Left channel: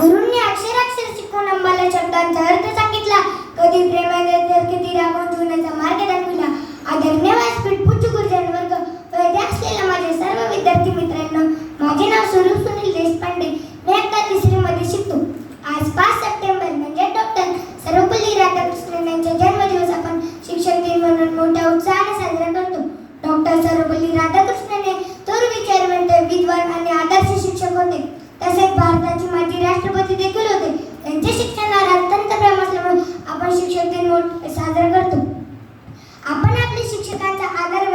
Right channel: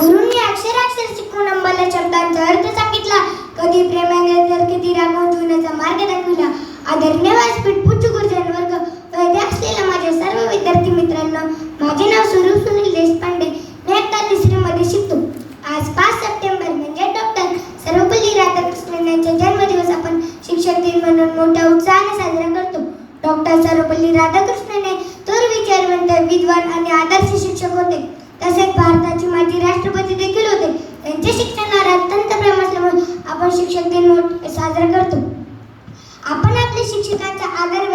गुरुंनी अक्षराक्षर शिकून आम्हाला शब्दांचा अर्थ सांगितला? कधी प्रेमाने तर कधी शिक्षक दिन म्हणून साजरा करतो. आपण आपल्या शिक्षकांचा आदर